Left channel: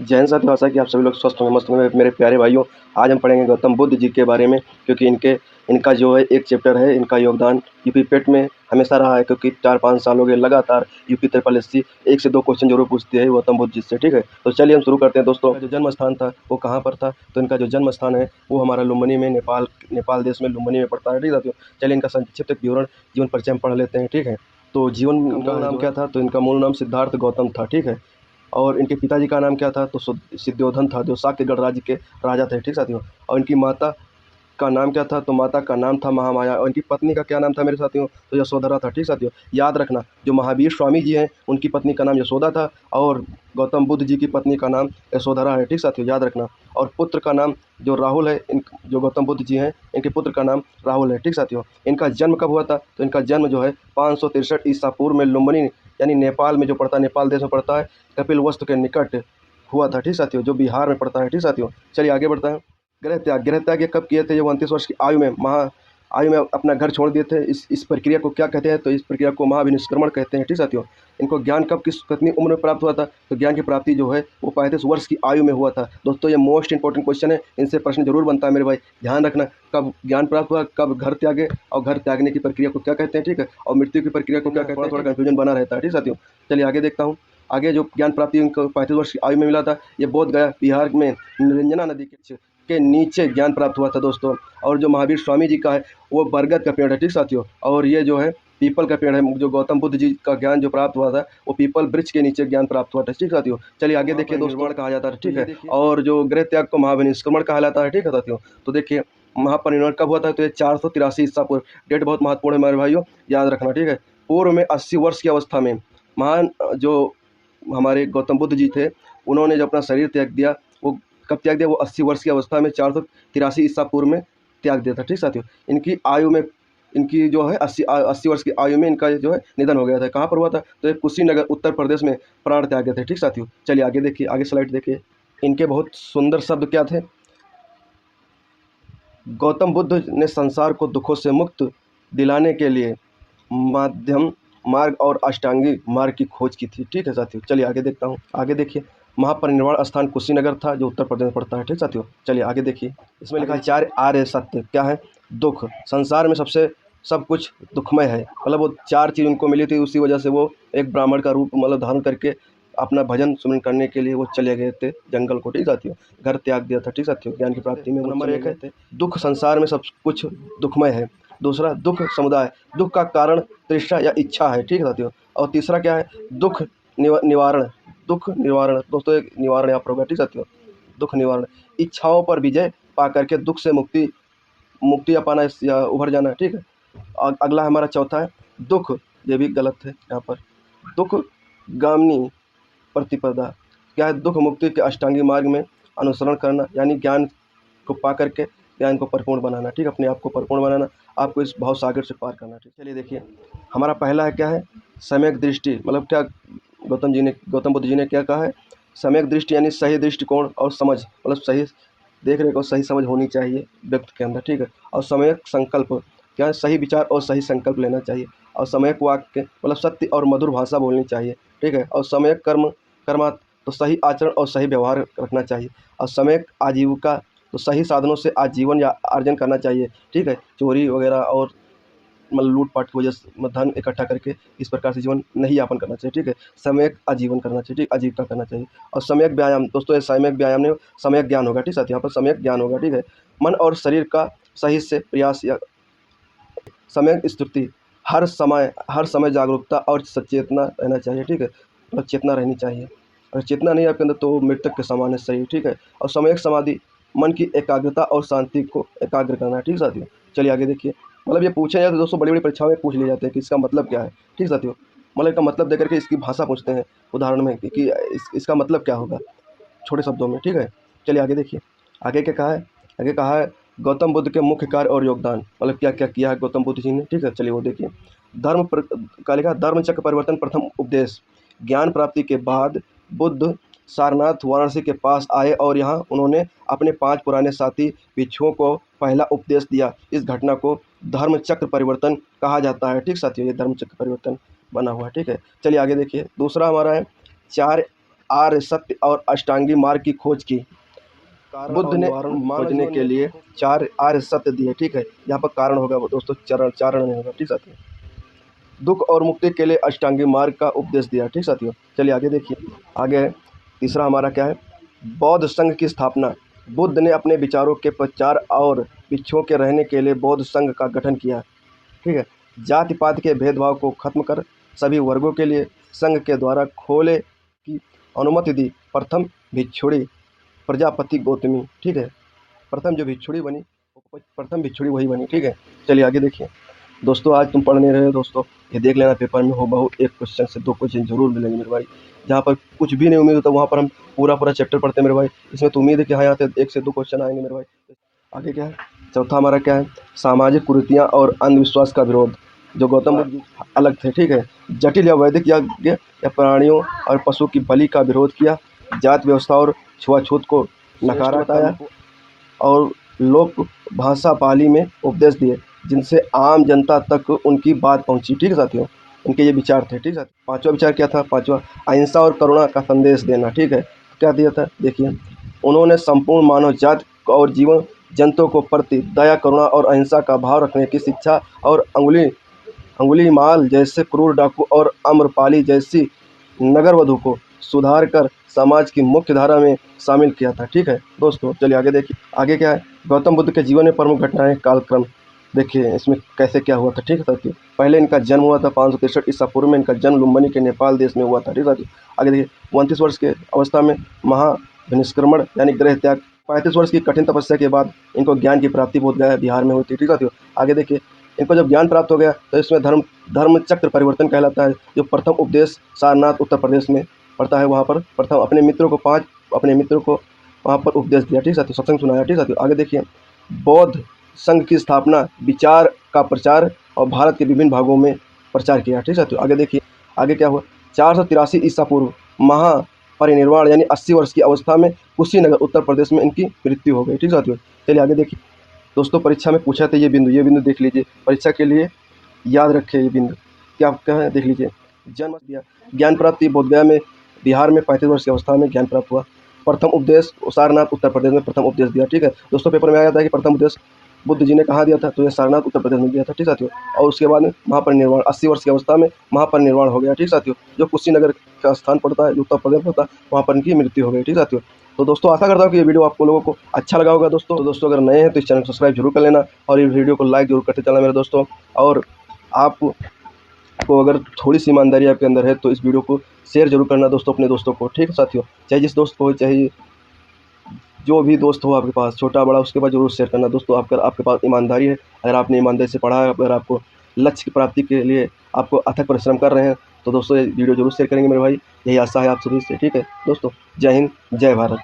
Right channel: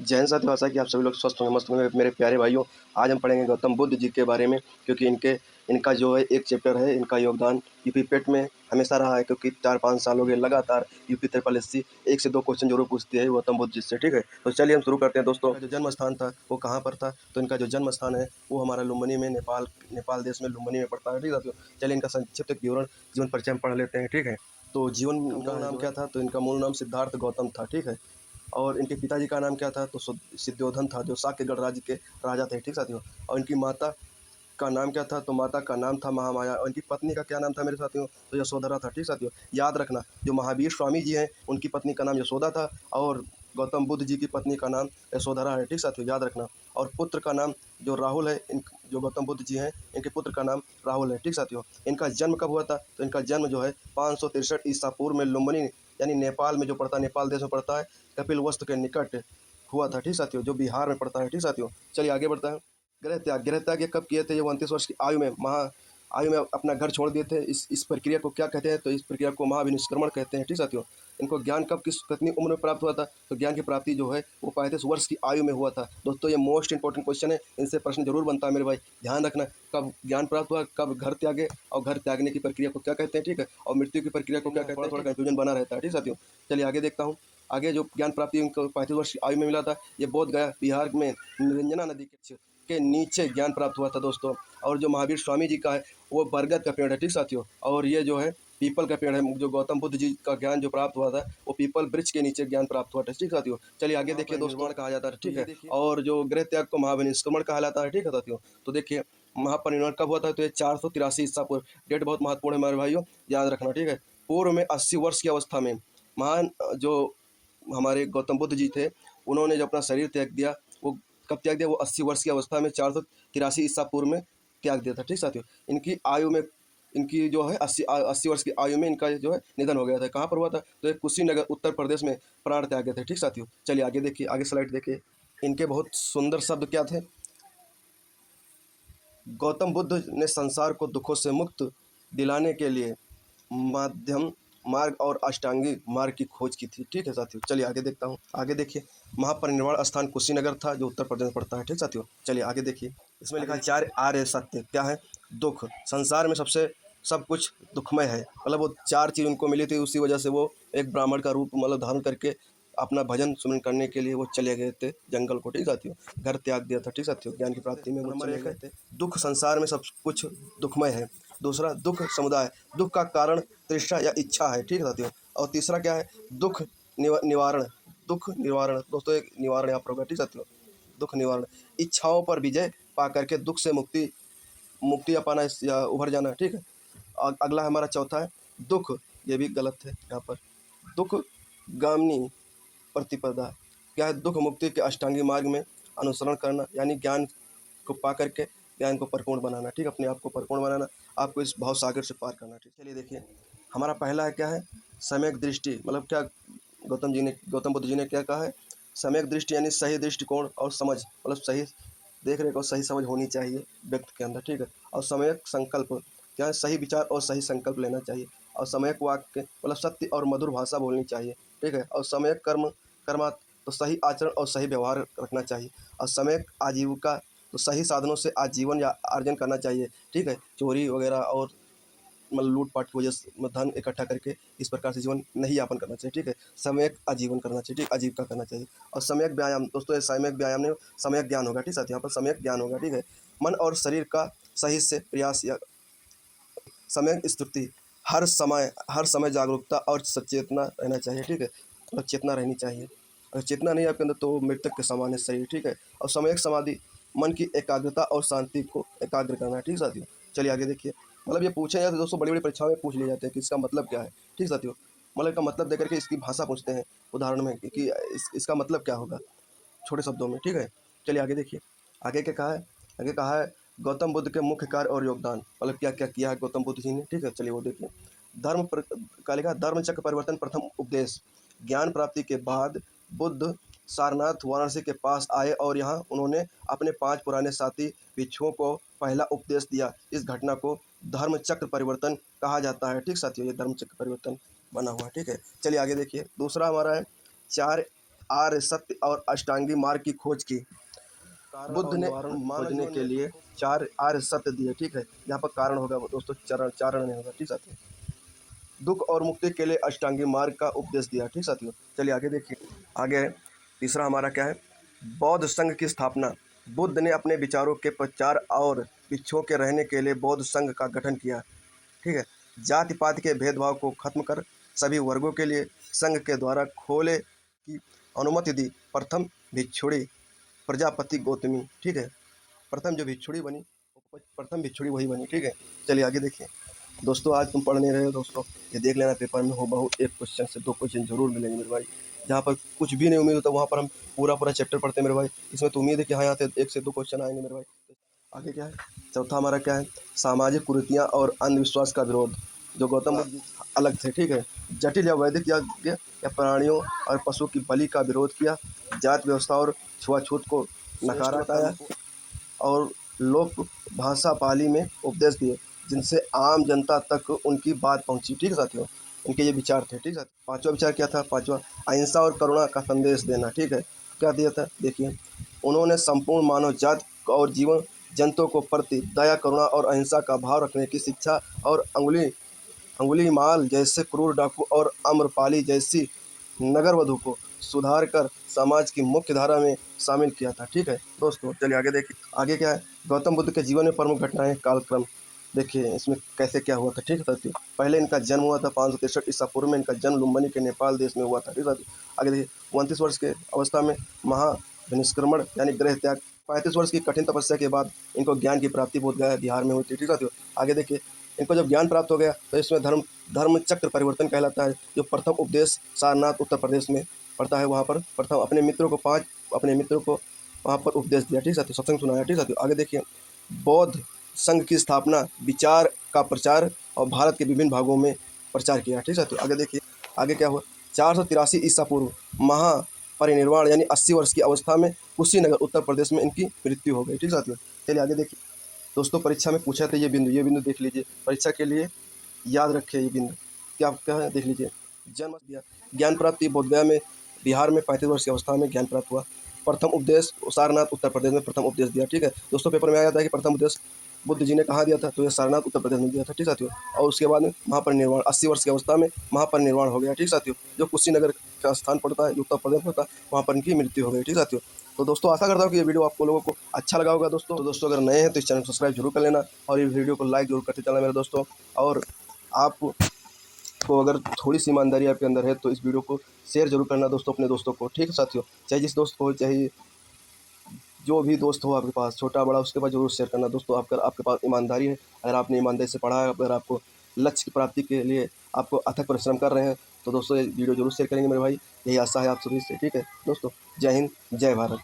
जय हिंद साथियों, आशा है कि आप सभी लोग स्वस्थ होंगे, मस्त होंगे मेरे प्यारे भाइयों। आज हम पढ़ेंगे गौतम बुद्ध जी के बारे में, क्योंकि इनका जो है एक चैप्टर है, इनका योगदान यूपी पेट में हमेशा रहा है, क्योंकि 4-5 साल हो गए लगातार यूपी ट्रिपल एससी 1 से 2 क्वेश्चन जरूर पूछती है गौतम बुद्ध जी से। ठीक है, तो चलिए हम शुरू करते हैं दोस्तों। जो जन्म स्थान था वो कहाँ पर था? तो इनका जो जन्म स्थान है वो हमारा लुम्बिनी में, नेपाल देश में लुम्बिनी में पड़ता है। ठीक है, चलिए इनका संक्षिप्त विवरण, जीवन परिचय हम पढ़ लेते हैं। ठीक है, तो जीवन का नाम क्या था? तो इनका मूल नाम सिद्धार्थ गौतम था। ठीक है, और इनके पिताजी का नाम क्या था? तो सिद्धोधन था, जो साक्यगढ़ राज्य के राजा थे। ठीक साथियों, और इनकी माता का नाम क्या था? तो माता का नाम था महामाया, और इनकी पत्नी का क्या नाम था मेरे साथियों? तो यशोधरा था। ठीक साथियों, याद रखना, जो महावीर स्वामी जी हैं उनकी पत्नी का नाम यशोदा था, और गौतम बुद्ध जी की पत्नी का नाम यशोधरा है। ठीक साथियों, याद रखना। और पुत्र का नाम जो राहुल है, जो गौतम बुद्ध जी हैं इनके पुत्र का नाम राहुल है। ठीक साथियों, इनका जन्म कब हुआ था? तो इनका जन्म जो है 563 ईसा पूर्व में लुम्बिनी, यानी नेपाल में जो पड़ता है, नेपाल देश में पड़ता है, कपिलवस्तु के निकट हुआ था। ठीक साथियों, जो बिहार में पड़ता है। ठीक साथियों, चलिए आगे बढ़ता है। गृह त्याग ये कब किए थे? ये 29 वर्ष की आयु में अपना घर छोड़ दिए थे। इस प्रक्रिया को क्या कहते हैं? तो इस प्रक्रिया को महाविनिष्क्रमण कहते हैं। ठीक साथियों, इनको ज्ञान कब कितनी उम्र में प्राप्त हुआ था? तो ज्ञान की प्राप्ति जो है वो 35 वर्ष की आयु में हुआ था। दोस्तों, ये मोस्ट इंपॉर्टेंट क्वेश्चन है, इनसे प्रश्न जरूर बनता है मेरे भाई, ध्यान रखना। कब ज्ञान प्राप्त हुआ, कब घर त्यागे, और घर त्यागने की प्रक्रिया को क्या कहते हैं? ठीक है, और मृत्यु की प्रक्रिया को क्या कहते हैं? थोड़ा कन्फ्यूजन बना रहता है। ठीक साथियों, चलिए आगे देखता हूँ। आगे जो ज्ञान प्राप्ति इनको 35 वर्ष की आयु में मिला था, ये बोध गया बिहार में निरंजना नदी के नीचे ज्ञान प्राप्त हुआ था दोस्तों। और जो महावीर स्वामी जी का है वो बरगद का पेड़ है। ठीक साथियों, और ये जो है पीपल का पेड़ है। जो गौतम बुद्ध जी का ज्ञान जो प्राप्त हुआ था वो पीपल वृक्ष के नीचे ज्ञान प्राप्त हुआ था। ठीक साथियों, चलिए आगे देखिए दोस्तों। कहा जाता है, ठीक है, और जो गृह त्याग को महाविनिष्क्रमण कहा जाता है। ठीक है साथियों, तो देखिए महापरिनिर्वाण कब हुआ था? तो ये 483 ईसा पूर्व। डेट बहुत महत्वपूर्ण है मेरे भाइयों, याद रखना। ठीक है, पूर्व में 80 वर्ष की अवस्था में महान जो हमारे गौतम बुद्ध जी थे, उन्होंने जो अपना शरीर त्याग दिया, वो कब त्याग दिया? वो 80 वर्ष की अवस्था में 483 ईसा पूर्व में त्याग दिया था। ठीक साथियों, इनकी आयु में, इनकी जो है 80 वर्ष की आयु में इनका जो है निधन हो गया था। कहाँ पर हुआ था? तो ये कुशीनगर उत्तर प्रदेश में प्राण त्यागे थे। ठीक साथियों, चलिए आगे देखिए, आगे स्लाइड देखिए। इनके बहुत सुंदर शब्द क्या थे? गौतम बुद्ध ने संसार को दुखों से मुक्त दिलाने के लिए माध्यम मार्ग और अष्टांगी मार्ग की खोज की थी। ठीक है साथियों, चलिए आगे देखता हूँ। आगे देखिए, महापरिनिर्वाण स्थान कुशीनगर था, जो उत्तर प्रदेश में पड़ता है। ठीक साथियों, चलिए आगे देखिए। इसमें लिखा है 4 आर्य सत्य। क्या है? दुख। संसार में सब कुछ दुखमय है, मतलब वो 4 चीज़ उनको मिली थी, उसी वजह से वो एक ब्राह्मण का रूप मतलब धारण करके अपना भजन सुमन करने के लिए वो चले गए थे जंगल को। ठीक साथियों, घर त्याग दिया था। ठीक साथियों, ज्ञान की प्राप्ति में। नंबर 1 है दुख। संसार में सब कुछ दुखमय है। दूसरा, दुख समुदाय। दुख का कारण तृष्णा या इच्छा है। ठीक है साथियों, और तीसरा क्या है? दुख निवारण। दुख निवारण दोस्तों, एक निवारण यहाँ पर होगा। ठीक साथियों, दुख निवारण, इच्छाओं पर विजय पा करके दुख से मुक्ति या पाना या उभर जाना। ठीक है, और अगला हमारा चौथा है दुख। ये भी गलत है यहाँ पर। दुख गामनी प्रतिपदा। क्या है? दुख मुक्ति के अष्टांगी मार्ग में अनुसरण करना, यानी ज्ञान को पा करके ज्ञान को परिपूर्ण बनाना। ठीक, अपने आप को परिपूर्ण बनाना, आपको इस भाव सागर से पार करना। ठीक, चलिए देखिए, हमारा पहला है क्या है? सम्यक दृष्टि। मतलब क्या गौतम बुद्ध जी ने क्या कहा है? सम्यक दृष्टि यानी सही दृष्टिकोण और समझ, मतलब सही देख रेख और सही समझ होनी चाहिए व्यक्ति के अंदर। ठीक है, और सम्यक संकल्प। क्या है? सही विचार और सही संकल्प लेना चाहिए। और सम्यक वाक्य मतलब सत्य और मधुर भाषा बोलनी चाहिए। ठीक है, और सम्यक कर्मा तो सही आचरण और सही व्यवहार रखना चाहिए। और सम्यक आजीविका तो सही साधनों से आजीवन या अर्जन करना चाहिए। ठीक है, चोरी वगैरह और मतलब लूट-पाट की वजह से धन इकट्ठा करके इस प्रकार से जीवन नहीं यापन करना चाहिए। ठीक है, सम्यक आजीवन करना चाहिए। ठीक, आजीविका करना चाहिए। और सम्यक व्यायाम दोस्तों, ये सम्यक व्यायाम नहीं, सम्यक ज्ञान होगा। ठीक साथियों, यहाँ पर सम्यक ज्ञान होगा। ठीक है, मन और शरीर का सही से प्रयास या सम्यक स्तुति। हर समय जागरूकता और सचेतना रहना चाहिए। ठीक है, मतलब चेतना रहनी चाहिए। अगर चेतना नहीं है आपके अंदर तो वो मृतक के समान है शरीर। ठीक है, और सम्यक समाधि, मन की एकाग्रता और शांति को एकाग्र करना है। ठीक साथियों, चलिए आगे देखिए। मतलब ये पूछे जाए तो दोस्तों बड़ी-बड़ी परीक्षाओं में पूछ लिए जाते हैं कि इसका मतलब क्या है। ठीक साथियों, मतलब इसका मतलब देकर के इसकी भाषा पूछते हैं उदाहरण में कि इसका मतलब क्या होगा छोटे शब्दों में। ठीक है, चलिए आगे देखिए। आगे क्या कहा है? आगे कहा है गौतम बुद्ध के मुख्य कार्य और योगदान, मतलब क्या क्या किया है गौतम बुद्ध जी ने। ठीक है, चलिए वो देखिए। का लिखा धर्म चक्र परिवर्तन प्रथम उपदेश। ज्ञान प्राप्ति के बाद बुद्ध सारनाथ वाराणसी के पास आए और यहाँ उन्होंने अपने 5 पुराने साथी भिक्षुओं को पहला उपदेश दिया। इस घटना को धर्म चक्र परिवर्तन कहा जाता है। ठीक साथियों, ये धर्म चक्र परिवर्तन बना हुआ है। ठीक है, चलिए आगे देखिए। दूसरा हमारा है 4 आर्य सत्य और अष्टांगी मार्ग की खोज की। बुद्ध ने खोजने के लिए 4 आर्य सत्य दिए, ठीक है। यहाँ पर कारण होगा वो दोस्तों, चारण नहीं होगा, ठीक साथियों। दुख और मुक्ति के लिए अष्टांगी मार्ग का उपदेश दिया, ठीक साथियों। चलिए आगे देखिए। आगे है तीसरा हमारा क्या है, बौद्ध संघ की स्थापना। बुद्ध ने अपने विचारों के प्रचार और भिक्षुओं के रहने के लिए बौद्ध संघ का गठन किया, ठीक है। जाति पाति के भेदभाव को खत्म कर सभी वर्गों के लिए संघ के द्वारा खोले की अनुमति दी। प्रथम भिक्षुणी प्रजापति गौतमी, ठीक है। प्रथम जो भिक्षुणी बनी, प्रथम भिक्षुणी वही बनी, ठीक है। चलिए आगे देखिए दोस्तों। आज तुम पढ़ नहीं रहे हो दोस्तों, ये देख लेना पेपर में हो एक क्वेश्चन से 2 क्वेश्चन जरूर मिलेंगे मेरे भाई। जहाँ पर कुछ भी नहीं उम्मीद होता वहाँ पर हम पूरा चैप्टर पढ़ते हैं मेरे भाई। इसमें तो उम्मीद है कि हाँ यहाँ से 1 से 2 क्वेश्चन आएंगे मेरे भाई। आगे क्या है, चौथा हमारा क्या है, सामाजिक कुरीतियाँ और अंधविश्वास का विरोध। जो गौतम बुद्ध जी अलग थे, ठीक है। जटिल या वैदिक यज्ञ या प्राणियों और पशु की बलि का विरोध किया। जात व्यवस्था और छुआछूत को नकारा बताया और लोक भाषा पाली में उपदेश दिए, जिनसे आम जनता तक उनकी बात पहुंची, ठीक है साथियों। उनके ये विचार थे, ठीक है। पांचवा विचार क्या था, पांचवा अहिंसा और करुणा का संदेश देना, ठीक है। क्या दिया था देखिए, उन्होंने संपूर्ण मानव जाति और जीवन जंतुओं को प्रति दया, करुणा और अहिंसा का भाव रखने की शिक्षा और अंगुलीमाल जैसे क्रूर डाकू और आम्रपाली जैसी नगरवधु को सुधार कर समाज की मुख्य धारा में शामिल किया था, ठीक है दोस्तों। चलिए आगे देखिए। आगे क्या है, गौतम बुद्ध के जीवन में प्रमुख घटनाएं, कालक्रम देखिए इसमें कैसे क्या हुआ था, ठीक है साथियों। पहले इनका जन्म हुआ था 563 ईसा पूर्व में। इनका जन्म लुम्बिनी के नेपाल देश में हुआ था, ठीक है साथियों। आगे देखिए 29 वर्ष के अवस्था में महाभिनिष्क्रमण यानी गृह त्याग। 35 वर्ष की कठिन तपस्या के बाद इनको ज्ञान की प्राप्ति बोधगया बिहार में हुई थी, ठीक है साथियों। आगे देखिए, इनको जब ज्ञान प्राप्त हो गया तो इसमें धर्म चक्र परिवर्तन कहलाता है। जो प्रथम उपदेश सारनाथ उत्तर प्रदेश में पड़ता है, वहाँ पर प्रथम अपने मित्रों को वहाँ पर उपदेश दिया, ठीक है साथियों। सत्संग सुनाया, ठीक है साथियों। आगे देखिए, बौद्ध संघ की स्थापना, विचार का प्रचार और भारत के विभिन्न भागों में प्रचार किया, ठीक है साथियों। आगे देखिए, आगे क्या हुआ, 483 ईसा पूर्व महापरिनिर्वाण यानी 80 वर्ष की अवस्था में कुशीनगर उत्तर प्रदेश में इनकी मृत्यु हो गई, ठीक है साथियों। चलिए आगे देखिए दोस्तों, परीक्षा में पूछा था ये बिंदु देख लीजिए, परीक्षा के लिए याद रखिए ये बिंदु क्या है, देख लीजिए। जन्म दिया, ज्ञान प्राप्ति बोधगया में बिहार में 35 वर्ष की अवस्था में ज्ञान प्राप्त हुआ। प्रथम उपदेश सारनाथ उत्तर प्रदेश में प्रथम उपदेश दिया, ठीक है दोस्तों। पेपर में आया था कि प्रथम उपदेश बुद्ध जी ने कहाँ दिया था, तो ये सारनाथ उत्तर प्रदेश में दिया था, ठीक साथियों। और उसके बाद में महापरिनिर्वाण 80 वर्ष की अवस्था में महापरिनिर्वाण हो गया, ठीक साथियों। जो कुशीनगर का स्थान पड़ता है, जो उत्तर प्रदेश पड़ता है, वहाँ पर इनकी मृत्यु हो गई, ठीक साथियों। तो दोस्तों आशा करता हूँ कि ये वीडियो आपको लोगों को अच्छा लगा होगा दोस्तों। तो दोस्तों अगर नए हैं तो इस चैनल को सब्सक्राइब जरूर कर लेना और इस वीडियो को लाइक जरूर करते चलना मेरे दोस्तों। और आपको अगर थोड़ी सी ईमानदारी आपके अंदर है तो इस वीडियो को शेयर जरूर करना दोस्तों अपने दोस्तों को, ठीक है साथियों। चाहे जिस दोस्त को हो, चाहे जो भी दोस्त हो आपके पास, छोटा बड़ा, उसके पास जरूर शेयर करना दोस्तों। आपके पास ईमानदारी है, अगर आपने ईमानदारी से पढ़ा है, अगर आपको लक्ष्य की प्राप्ति के लिए आपको अथक परिश्रम कर रहे हैं, तो दोस्तों ये वीडियो जरूर शेयर करेंगे मेरे भाई। यही आशा है आप सभी से, ठीक है दोस्तों। जय हिंद, जय भारत।